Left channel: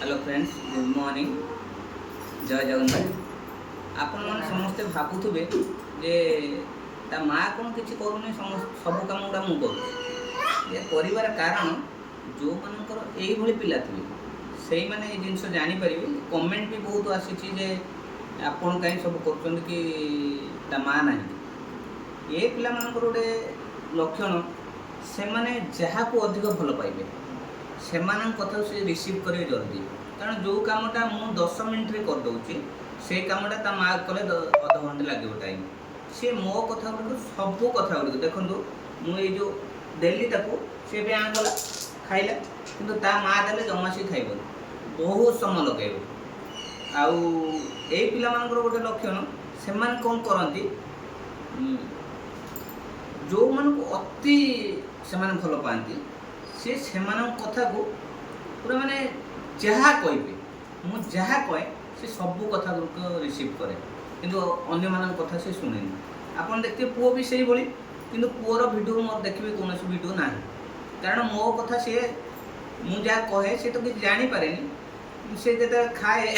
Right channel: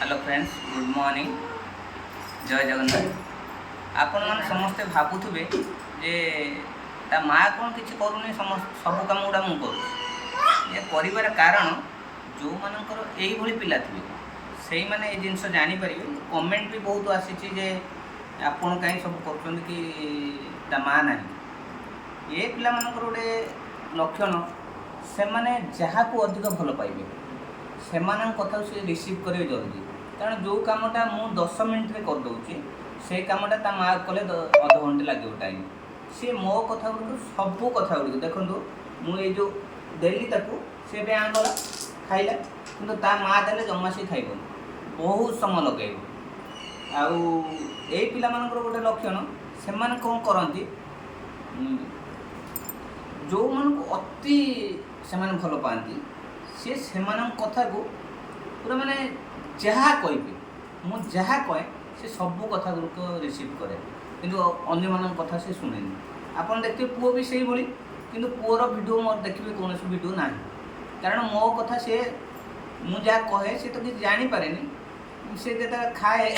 Hello friends, good morning, जय जगन्नाथ। आपण मैंने समस्ते भावुवे जे ता माँ कौन किसी करूनी सब कम गुड़ा मुझे करूँ ये कर कारण जो मानकर यही पिला थे से मैंने ये जिनस जापर कमेंट भी बहुत आसी जे आपण कहीं सब कर कि ता माँ ना ये पिला मानकर गोटे लक्षण से मैंने जहाँ को अधिक भल पाइबे से कथा से रिसीव करेंगे जल्दी कारण जो कमटा मु 10 मिनट रे कर दूची से कमटा ता माँ कले अध घंटे लगे टाइम सी मो कथा गुड़ सब कथा गुड़ देखो मुझे जो देली ताको सी भी कला खाइला किंतु ता माँ देले जमा सी खाइबन बहुत समय लगे आउ ए पिला मानकर गोटे लक्षण से कौन करती जो मान अति से भल पाती सी से कथा को पूरा माने जहाँ कहे मुझे जहाँ कहे से सब कथा गुरुक रिसीव करे किंतु अन्य मान कथा से शुणे आपन देखिए पुओ भी से भाई किंतु पुओर वीडियो मोर देखिए कौन वीडियो ना कारण मो कथा से मुझे जहाँ कहे से तो किसी जानीपे से जो खाए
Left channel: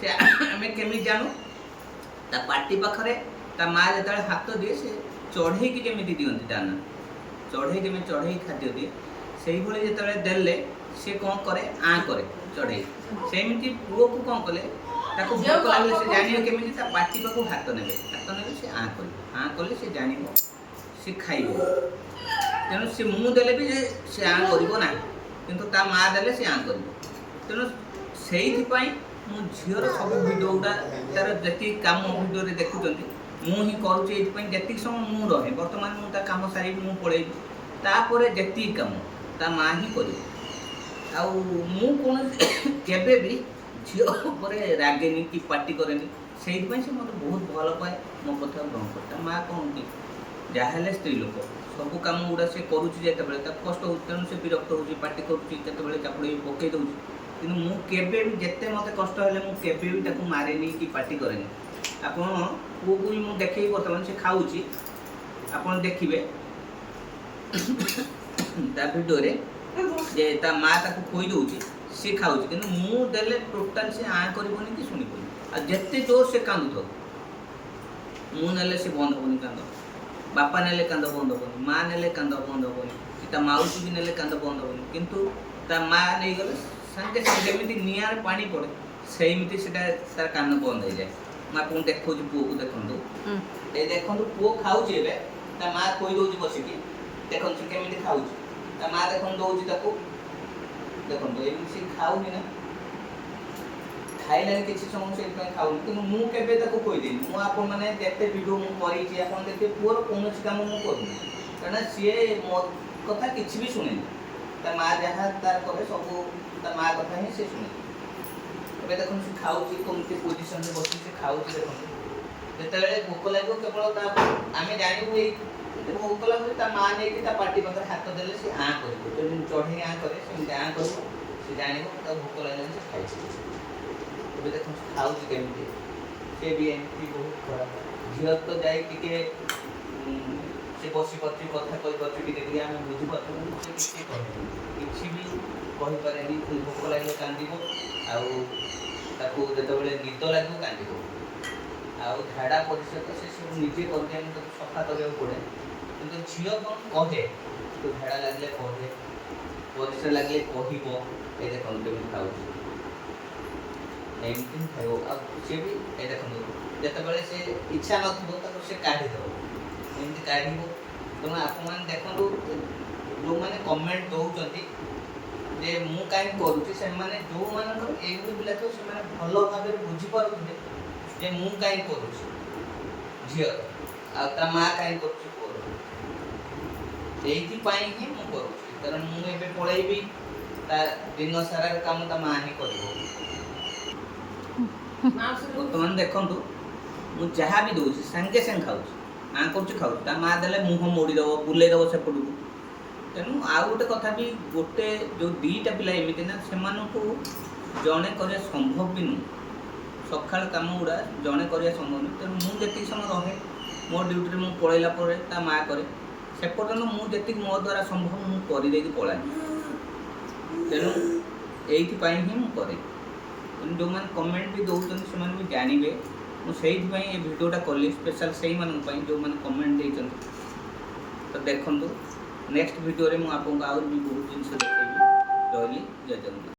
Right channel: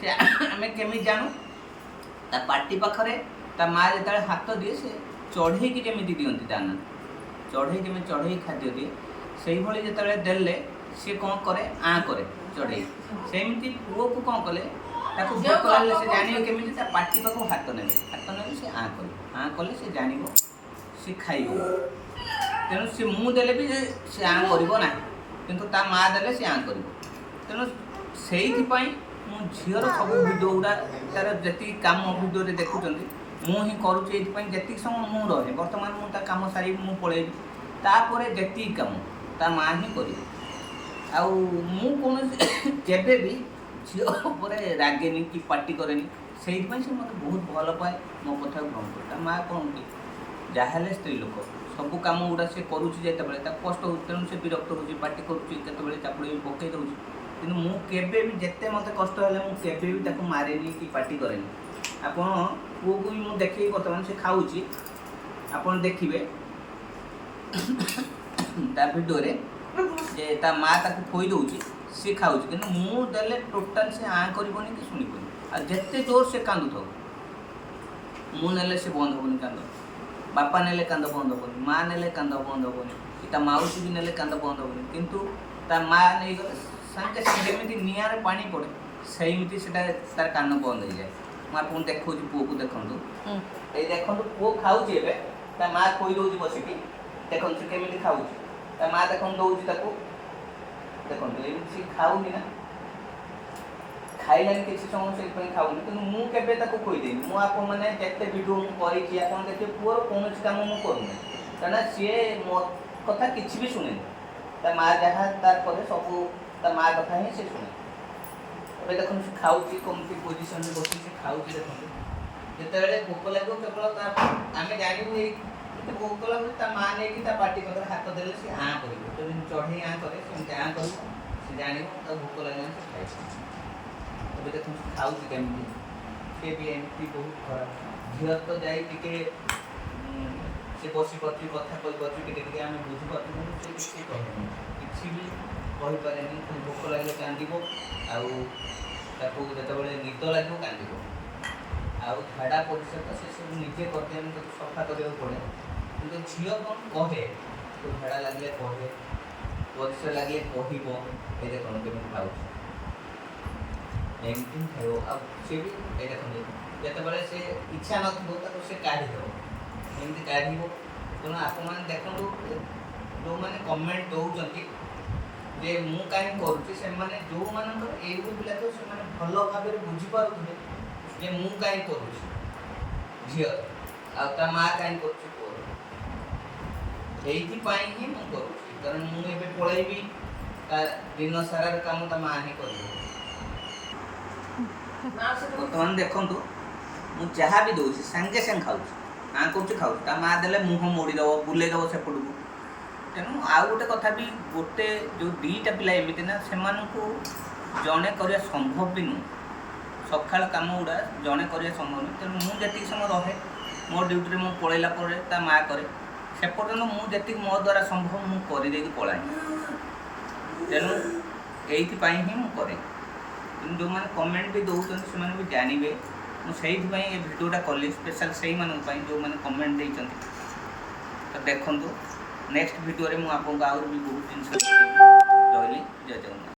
से आम केमी जानू ता पार्टी पाखरे ता माँ जो हाथ दिए से चढ़े केमी दिखती दाना चढ़े केमी चढ़े खाद्य दिए से भाई जो देले सी कौन करे करे चढ़े सेमती पुओ को कौन कले भोक लगे से जान केमी पार्टी पाक हाथ ने से कले से जान सी खाइब तेणु सी मु देले भी से करना किंतु ता माँ देले से कर तेणु से मु झीर सब वीडियो गुड़ा तार जी कम वीडियो देखुं मुझे करुँच जी समय मुझे रहे बर्तमान मुझे कम सारी मुझे पलैबी तापर जी कम ता माँ ही कर कौन केबे भी झील रागेनि कि पार्टी करेनि से मत बहुत भल पाए मो कथा ग्रहण कर माँ कौन कि जहाँ स्त्री लोक सब कम गुड़ा सी करुँचे कष्ट हो तेणु से विरक्त हो पार्टी करुँचे चापुड़ पकई दूँ कि मुझे भी जिते मत कष्ट है मुझे भी मारेनि कि पार्टी करेनि आप पुओ को भी मुझे देखे बर्तमान से खाऊँ आप देखिए भिडियो जे ता माँ ताको खोई दूची सी खाऊँ कि मुझे टोटाल से करनी कि शुणिबनी आ जिते जोर से कांदु थो मुझे से बंद हेनी कांद बापा ने कांद बंद हेनी माँ ने कांद बंद हेनी कि ता माउसी भी ने कांद बंद हेनी किंतु ता माँ नहीं गले सागे सागे एमती निआर पानी पड़े सेमती से तार कान बंद हो जाए मुझे आपको देखा पुओ को देखु ये देखो पुओ खाऊँ ता माँ खोई दूसरी बसिकी देखो से केमी खाऊँ ता माँ देख दौर देखो सी खाऊनी ना खाइलानी किसी समय से खाऊनी कि मुझे खोईदे मुझे जिते वीडियो मुझे देखिए पुअर कौन कम मुझे करूँ क्या सी मो कथा किसी भी शुणे ता माँ जहाँ तार करे सब ता माँ कथा ही सी शुणे ए देख सी खाऊँ कमती पोजिशन में बस खाऊँ देखो जिते भोक लगे केवल आम जानू भोक लगे ता माँ नहीं पार्टी पाखे हाथ देले सी कर चढ़े करे से कर जान भोक लगे से खाई देख खाऊँ केमी से भी एमती बहुत खराब झील तो जाए से बसी पार्टी कथा कही आम बुझीपार से किसी कहे किसी भी कहीपे भोक लगे कांद आते निद लगे कांद झाड़ा परिषद से सब निजे करते सफा करने पड़े कि झील कौन कहे तो झाड़ा लगे कहे परिश्रा लगे कह ये देख केमी खाऊ एमती खाइब सी भी ये देखो जिते से इच्छा नथो से काढ़ीदेव एमती काढ़ तेणु आप देखो जो मैंने कमेंट दौरान जे मु कहीं करुँची से जो मानकर ये पिला तो से भल भाव बुझीपारे जे मु कहीं करुँची झील आ माँ कहीं कर ही मुझे करुँची कारण मुझे पलैबी दिन सारा कम ता माँ ही कर बर्तमान देखु मुझे जहाँ भी दूसरी सागे सागे खाऊँ खाऊँ ता माँ देले मुह मोड़ीदेव बुलेदेव सेपट को तेणु आउ गोटे कथा भी गोटे जो दीटा पिला एमती ना से जड़े कर संभव भी नुह सका कम गुड़ा जड़े कर संभव नुह तेणु मुझे समय रहे मो ड्यूटी मुझे पलैला ता माँ करे से पर्यटन मुझे मो द्वारा संभव मुझे पलाए तेणु ଏଇଥିପାଇଁ ହିଁ ମୁଁ କରେ। କିନ୍ତୁ ଯେଉଁମାନେ କମେଣ୍ଟ ବି ଦେଉଛନ୍ତି ସେମାନେ ବି ଜାଣିବେ, ମୁଁ ସେଇଥିପାଇଁ ଏ ଭିଡ଼ିଓଟା କଲି ସ୍ପେଶାଲ୍ ସେଇମାନଙ୍କ ପାଇଁ ଯେଉଁମାନେ କମେଣ୍ଟ ଦେଇଛନ୍ତି। ତ ଦେଖନ୍ତୁ ନେକ୍ସଟ ଭିଡ଼ିଓରେ ମୁଁ ଆପଣଙ୍କୁ ଆହୁରି ବି ବହୁତ ଜିନିଷ ଦେଖେଇବି। ରହିଲି, ଜୟ ଜଗନ୍ନାଥ।